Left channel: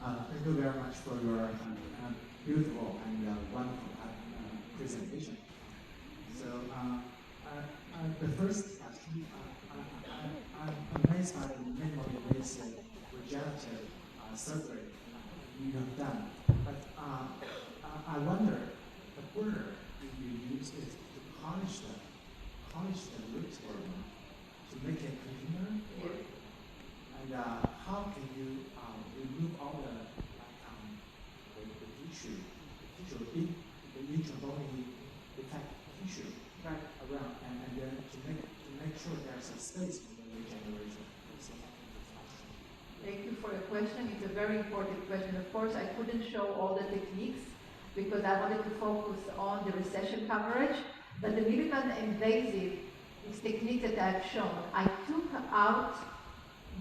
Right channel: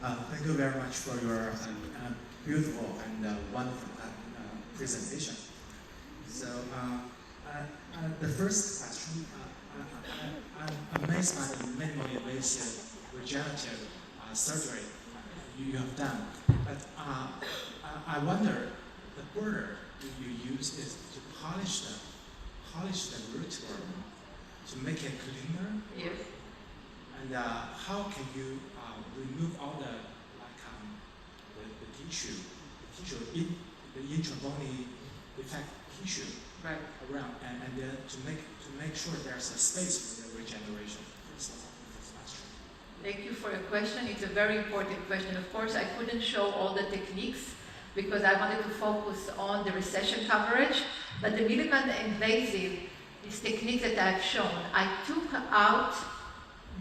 Thank you very much for your beautiful and wonderful presentation. So, the first question, I'm amazed by the minimally invasive regenerative surgery you have done. But I wonder, the border you use is to polish the root to make it cleaner. Yes. And how can you remove all the tissue, the intrabony defect tissue around, and then to make sure there's a space for the regeneration? Thank you for your question. It's a very important question. Of course, I couldn't show all the techniques because I wanted to focus on the recession coverage. But the minimal invasive, this technique that I've shown, I took out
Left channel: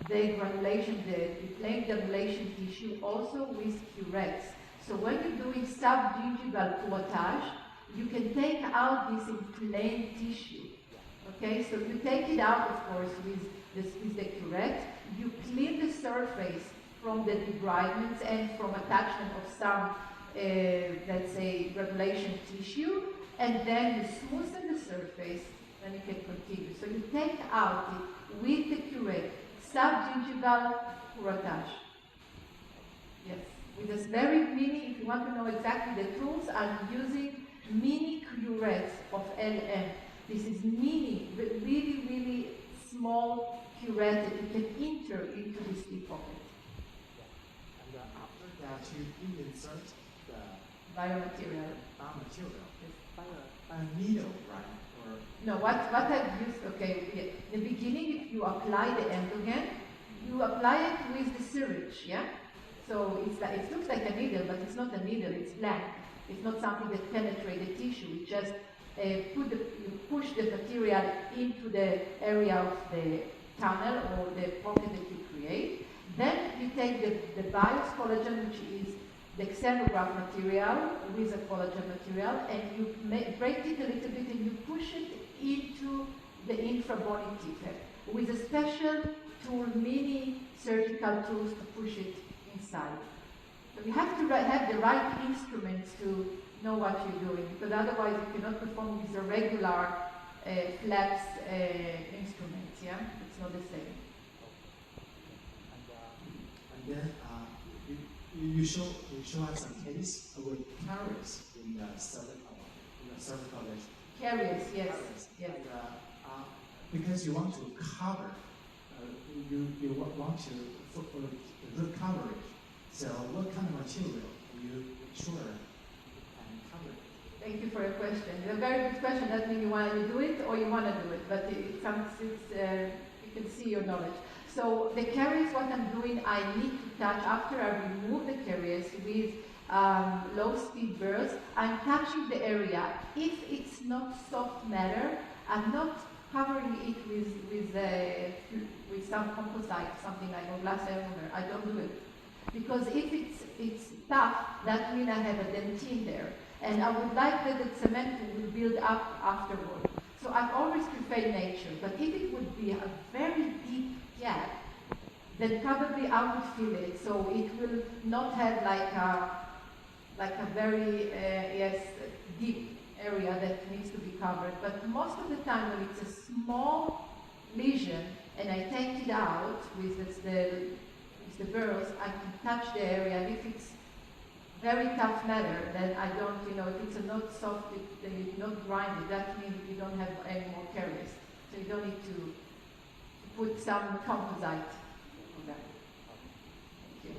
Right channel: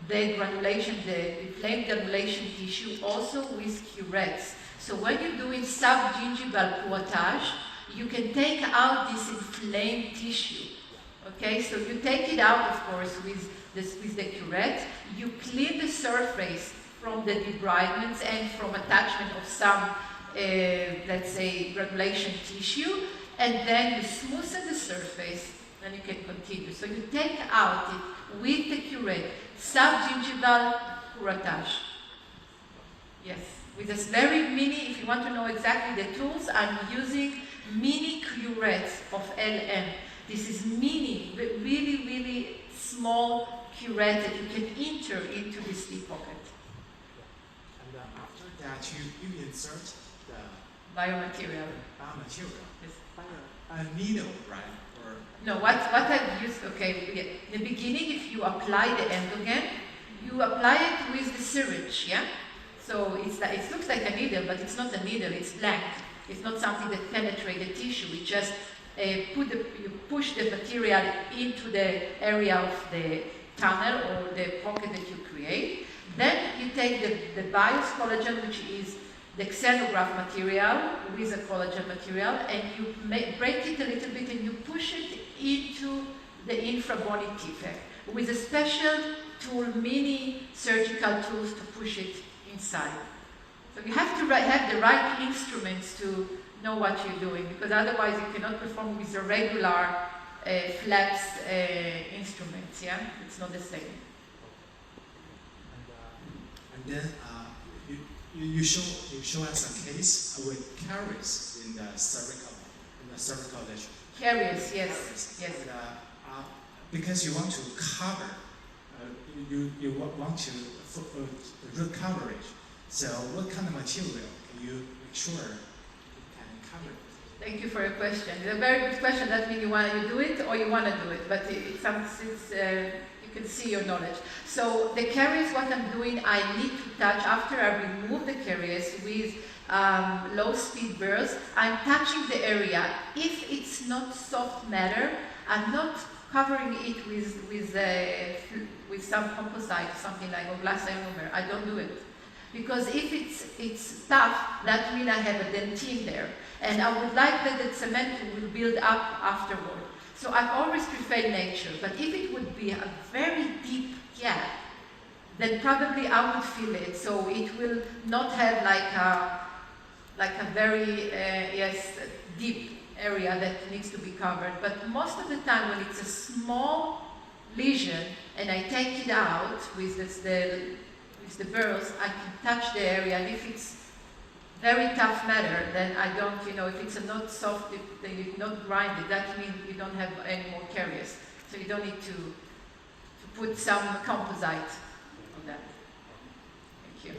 the granulation, the inflamed granulation tissue, also with curettes. So when you're doing subgingival curettage, you can take out this inflamed tissue. Okay, so you take it out, of course, with the curette. You clean the surface from the debridements and from attachment of some, let's say, granulation tissue, and then you smoothen the surface, and you can continue. So you take out it with the curette, subgingival curettage. Yes, with this very mini, if you want to know exactly the tools, I'm using mini curettes of LM. This is mini, but really, really small curette that you can enter into this deep pocket. And after that, you insert the Biomaterial. Biomaterial. Yes. A needle, right? Or no, what I've used, okay, yeah. In the beginning, if you apply the endogen, you apply it with the syringe, yeah? So it looks like a needle, but it's not a needle, it's blank. It's not something that penetrates the tissue. It just you push the material into the area of the tunnel or the pocket that you create. Then you take the bios collagen, which is the xenograph material with a collagen material, and you break it a little bit and you push it into the Intrabony Defect with a special tool, mini surgical tools to push it inside. So you have to have the right instruments to know what you're doing, because otherwise you cannot perform with the regular flaps instruments, yeah? It's not the same. And then you show us a case with caries in the cervical lesion. Caries, yes, Caries. yes. And, because you want to cover, you want to root coverage. So what kind of material can you make sure you can cover it? Thank you for your question. It's a very good question. That means you do it or you want to do it, but you can see your knowledge. So the caries, what I'm doing, I need to touch, after I remove the caries with low-speed burrs, I'm touching the area. If it's not soft matter, I'm not covering it with some composite, something like a glass ionomer. I don't do it. Because if it's tough, that means I have a dentine there. And I would like that the cement will build up afterward. So I've always preferred nature. But if it would be a very deep gap, then probably I would fill it. So it will not have like a very deep area that needs to be covered. But most of the time when it's a small lesion and I take it out with the burrs, I can touch the area. And if it's very tough matter, then I don't, if it's not soft, then you not grind it, that means you don't have any more caries. So you don't need to put some composite on that. Thank you.